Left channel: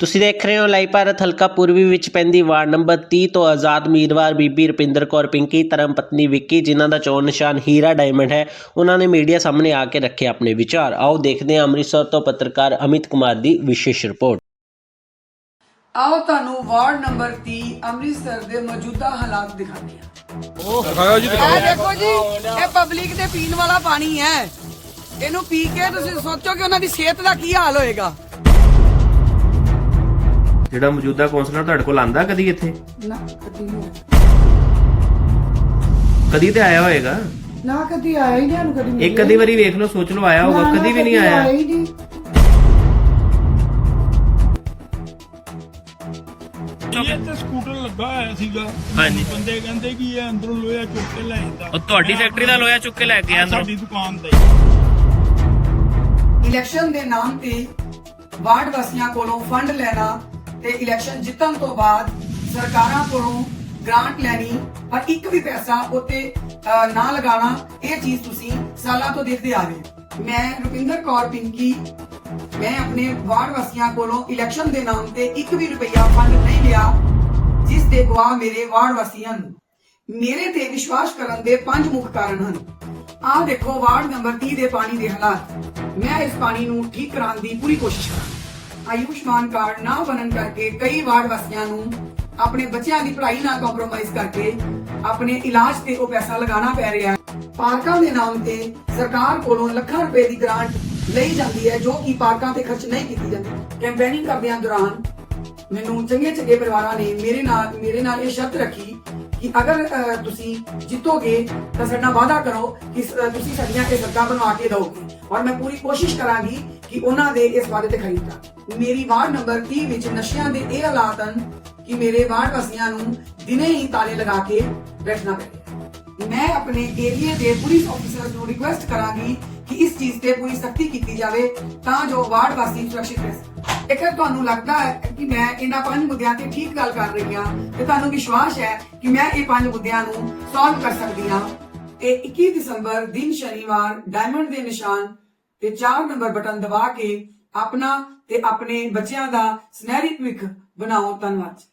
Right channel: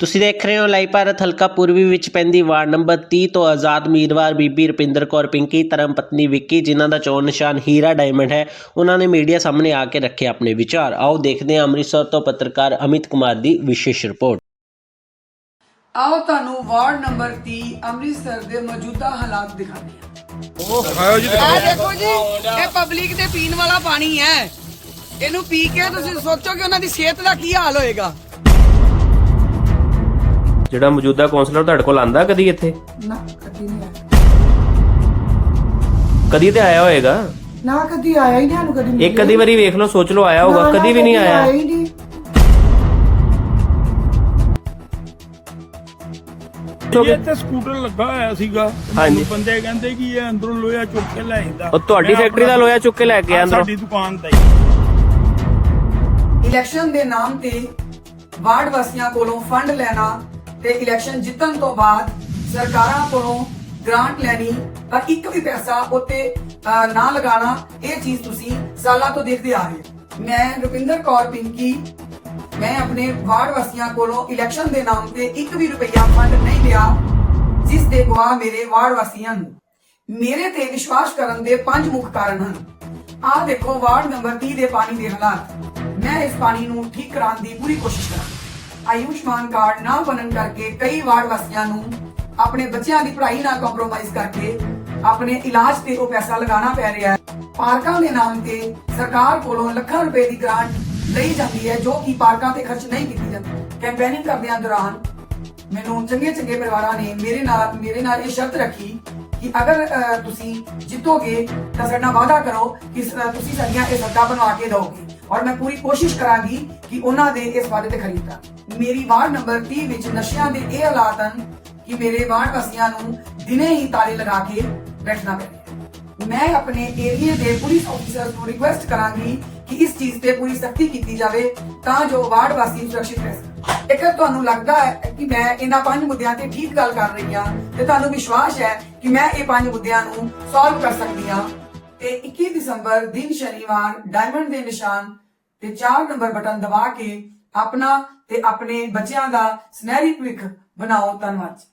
ਤੁਸੀਂ ਦੇਖ ਰਹੇ ਹੋ ਲਾਈਵ ਭਾਰਤ ਹਲਕਾ ਪੂਰਬੀ ਵਿੱਚ ਪੈਂਦੀ ਵਾਰਡ ਨੰਬਰ 30 ਤੋਂ ਆਜ਼ਾਦ ਉਮੀਦਵਾਰ ਬੀਬੀ ਰੁਪਿੰਦਰ ਕੌਰ ਪਿੰਕੀ ਧਰਮ ਪਤਨੀ ਵਿੱਕੀ ਜਿਨ੍ਹਾਂ ਦਾ ਚੋਣ ਨਿਸ਼ਾਨ ਹੀਰਾ ਡਾਇਮੰਡ ਹੈ ਉਹਨਾਂ ਨੇ ਮੀਡੀਆ ਸਾਹਮਣੇ ਆ ਕੇ ਰੱਖੇ ਆਪਣੇ ਵਿਚਾਰ। ਆਓ ਦੇਖਦੇ ਹਾਂ ਅੰਮ੍ਰਿਤਸਰ ਤੋਂ ਪੱਤਰਕਾਰ ਅਮਿਤ ਕੁਮਾਰ ਦੀ ਵਿਸ਼ੇਸ਼ ਰਿਪੋਰਟ। ਆਓ ਤੁਹਾਨੂੰ ਵਾਰਡ ਨੰਬਰ 30 ਅੰਮ੍ਰਿਤਸਰ ਦੇ ਮੌਜੂਦਾ ਹਾਲਾਤ ਦਿਖਾਉਂਦੇ ਹਾਂ। ਇਹ ਦੇਖੋ ਜੀ ਇਹ ਪਬਲਿਕ ਦੇ ਪੀਣ ਵਾਲਾ ਪਾਣੀ ਹੈ। ਇਹਨੂੰ ਪੀ ਕੇ ਤੁਸੀਂ ਸੋਚੋ ਕਿ ਉਹਨਾਂ ਦੀ ਸਿਹਤ ਦਾ ਕੀ ਹਾਲ ਹੋਏਗਾ। ਜਿਹੜਾ ਮੌਜੂਦਾ ਕੌਂਸਲਰ ਤੁਹਾਡੇ ਕੋਲ ਆਂਦਾ ਕਦੀ ਇੱਥੇ? ਨਾ ਕਦੀ ਨਹੀਂ ਕਦੀ ਤੇ ਆਇਆ ਹੋਏਗਾ। ਨਾ ਕਦੀ ਆਇਆ ਹੀ ਨਹੀਂ ਸਾਨੂੰ ਕਦੀ ਇੱਕ ਕਦੀ ਵਾਰੀ ਵੇਖ ਲਓ ਸੋਚ ਲਓ ਆਇਆ ਹੋਊਗਾ ਕਦੀ ਵੀ ਨਹੀਂ ਆਇਆ। ਹੀ ਨਹੀਂ। ਇਹ ਤੇ ਸਕੂਟਰ ਲੱਗਾ ਹੋਇਆ ਸੀਗਾ। ਹਾਂਜੀ। ਬੰਦੇ ਕਹਿੰਦੇ ਕਿ ਇਹ ਅੰਦਰੋਂ ਲੋਹਾ ਚੁੱਕ ਕੇ ਲੈ ਆਂਦਾ ਉਹ ਤੁਹਾਡੀ ਫੈਕਟਰੀ ਦਾ ਲੋਹਾ ਚੁੱਕ ਕੇ ਲੈ ਕੇ ਆਇਆ ਅੰਦਰੋਂ। ਸਾਡੀ ਦੁਕਾਨ ਦਾ ਇਲੈਕਸ਼ਨ ਦੇ ਨਾਮ ਤੇ ਵਾਰਡ ਵਾਸੀਆਂ ਕੋਲੋਂ ਫੰਡ ਲੈਣਾ ਤੇ ਇਲੈਕਸ਼ਨ ਜਿੱਤਣ ਤੋਂ ਬਾਅਦ ਸਰਕਾਰਾਂ ਕੋਲੋਂ ਗ੍ਰਾਂਟ ਲੈਣੀ, ਪਰ ਇੱਕ ਵੀ ਪੈਸਾ ਉੱਤੇ ਨਾ ਲਗਾਉਣਾ, ਇਹ ਚੀਜ਼ ਤੁਸੀਂ ਸਾਲਾਂ ਤੋਂ ਦੇਖਦੇ ਆ ਰਹੇ ਮੈਂ ਰੁਪਿੰਦਰ ਕੌਰ ਪਿੰਕੀ, ਮੈਂ ਆਪਣੇ ਵਾਰਡ ਵਾਸੀਆਂ ਕੋਲੋਂ ਇਲੈਕਸ਼ਨ ਦੇ ਨਾਮ ਤੇ ਇੱਕ ਵੀ ਰੁਪਈਆ ਫੰਡ ਨਹੀਂ ਲਿਆ, ਜਿਸ ਦੇ ਗਵਾਹ ਮੇਰੇ ਵਾਰਡ ਵਾਸੀਆਂ ਨੂੰ। ਮੇਰੇ ਤੇ ਵਿਸ਼ਵਾਸ ਕਰਨ ਦੇ ਪੰਜ ਮੁੱਖ ਕਾਰਨ ਹਨ। ਆਹ ਦੇਖੋ, ਵਾਰਡ ਨੰਬਰ 30 ਦੇ ਪਾਣੀ ਦੇ ਹਾਲਾਤ। ਮੈਂ ਇਸ ਪਾਣੀ ਨੂੰ ਠੀਕ ਕਰਾਉਣ ਦੀ ਪੂਰੀ ਕੋਸ਼ਿਸ਼ ਕਰਾਂਗੀ। ਆਯੁਸ਼ਮਾਨ ਕਾਰਡ ਨਾ ਬਣਨ ਕਰਕੇ ਕਈ ਵਾਰਡ ਵਾਸੀਆਂ ਨੂੰ ਆਪਣੇ ਬੱਚਿਆਂ ਦੀ ਪੜ੍ਹਾਈ ਨਾਲ ਕੰਪਰੋਮਾਈਜ਼ ਕਰਕੇ ਆਪਣੇ ਇਲਾਜ ਤੇ ਉਹ ਪੈਸਾ ਲਗਾਉਣਾ ਪੈ ਰਿਹਾ ਹੈ। ਪਾਰਕਾਂ ਦੇ ਨਾਮ ਤੇ ਸਰਕਾਰ ਕੋਲੋਂ ਲੱਖਾਂ ਰੁਪਏ ਦੀ ਗ੍ਰਾਂਟ ਲਈ ਜਾਂਦੀ ਹੈ, ਜੋ ਕਿ ਪਾਰਕਾਂ ਤੇ ਖਰਚ ਨਹੀਂ ਕੀਤੀ ਜਾਂਦੀ। ਕੈਂਪੇਨਿੰਗ ਕਰਦਿਆਂ ਦੌਰਾਨ ਮੈਨੂੰ ਚੰਗੇ ਚੰਗੇ ਪਰਿਵਾਰਾਂ ਨੇ ਮੇਰੇ ਨਾਲ ਮੇਰੇ ਨਾਲ ਇਹ ਸ਼ਰਤ ਰੱਖੀ ਕਿ ਅਗਰ ਤੁਸੀਂ ਜਿੱਤੋਗੇ ਤਾਂ ਸਾਡਾ ਵਾਅਦਾ ਕਰੋ ਕਿ ਤੁਸੀਂ ਸਾਡੀਆਂ ਇਹ ਸੜਕਾਂ ਬਣਵਾ ਕੇ ਦਿਓਗੇ। ਔਰ ਮੈਂ ਪੂਰੀ ਕੋਸ਼ਿਸ਼ ਕਰਾਂਗੀ ਕਿ ਉਹਨਾਂ ਦੇ ਇਸ ਵਾਅਦੇ ਤੇ ਖਰੀ ਉਤਰਾਂ। ਮੇਰੀ ਵਾਰਡ ਨੰਬਰ 30 ਵਿੱਚ ਨਸ਼ਿਆਂ ਦੇ ਇਹ ਹਾਲਾਤ ਹਨ ਕਿ ਮੇਰੇ ਵਾਰਡ ਵਾਸੀਆਂ ਨੂੰ ਦਿਨੇ ਹੀ ਤਾਲੇ ਲਗਾ ਕੇ ਬੈਠਣਾ ਪੈਂਦਾ ਮੈਂ ਆਪਣੇ ਏਰੀਏ ਦੇ ਪੁਲਿਸ ਅਫਸਰ ਨੂੰ ਰਿਕੁਐਸਟ ਕਰਾਂਗੀ ਕਿ ਇਸ ਚੀਜ਼ ਤੇ ਪੂਰੀ ਸਖਤੀ ਕੀਤੀ ਜਾਵੇ ਤਾਂ ਜੋ ਵਾਰਡ ਵਾਸੀ ਸੁਰੱਖਿਅਤ ਰਹਿ ਸਕਣ। ਇੱਕ ਤੁਹਾਨੂੰ ਲੱਗਦਾ ਹੈ ਕਿ ਮੈਂ ਇਹਨਾਂ ਪੰਜ ਮੁੱਦਿਆਂ ਤੇ ਠੀਕ ਗੱਲ ਕਰ ਰਹੀ ਹਾਂ ਤੇ ਤੁਹਾਨੂੰ ਵਿਸ਼ਵਾਸ ਹੈ ਕਿ ਮੈਂ ਇਹ ਪੰਜ ਮੁੱਦਿਆਂ ਨੂੰ ਸੋਲਵ ਕਰ ਸਕਦੀ ਹਾਂ। ਤੇ 21 ਦਸੰਬਰ, ਦਿਨ ਸ਼ਨੀਵਾਰ ਡਾਇਮੰਡ ਦੇ ਨਿਸ਼ਾਨ ਤੇ 4 ਨੰਬਰ ਬਟਨ ਦਬਾ ਕੇ ਆਪਣਾ ਤੇ ਆਪਣੇ ਬੱਚਿਆਂ ਦਾ ਸੁਨਹਿਰੀ ਭਵਿੱਖ ਬਣਾਓ ਧੰਨਵਾਦ ਜੀ।